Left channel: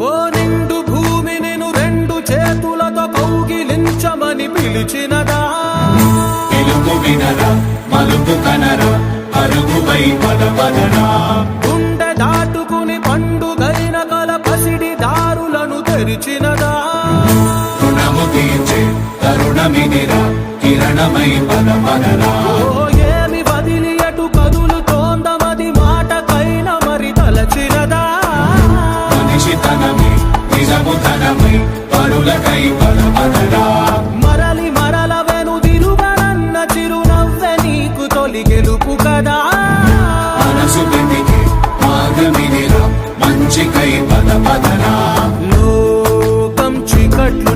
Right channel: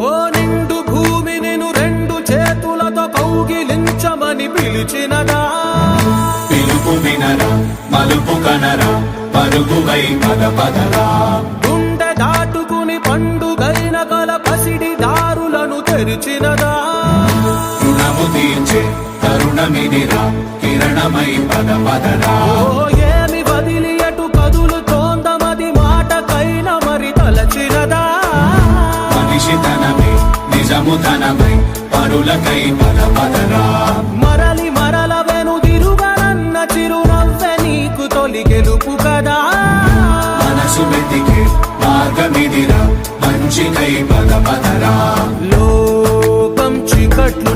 ఓ నిండు భూమి నిన్ను రెండు చేతులతో కౌగిలించమని పిలిచినదా? పిలుపు వినరా, మలుపు కనరా, పరుగువై పదపదరా. గుండె దాటుకుని పండుగైన కల పసిడి దారులను తెరిచినదా? రుణము తీర్చే తరుణమినిరా, కిరణమై పదపదరా. ఓ ఏమి వదిలి అటు కదులుతోందమది మాటకైన మరి తలచినదా? మనిషితనమే నిజముతనమై పరులకై పదపదరా. మరలి మరల వెనుదిరుగనన్న చిరునవ్వె నీకు తొలి గెలుపు కదా? మనసు వెతికే మార్గమిదిరా, మంచికై పదపదరా. లోకం చీకట్లు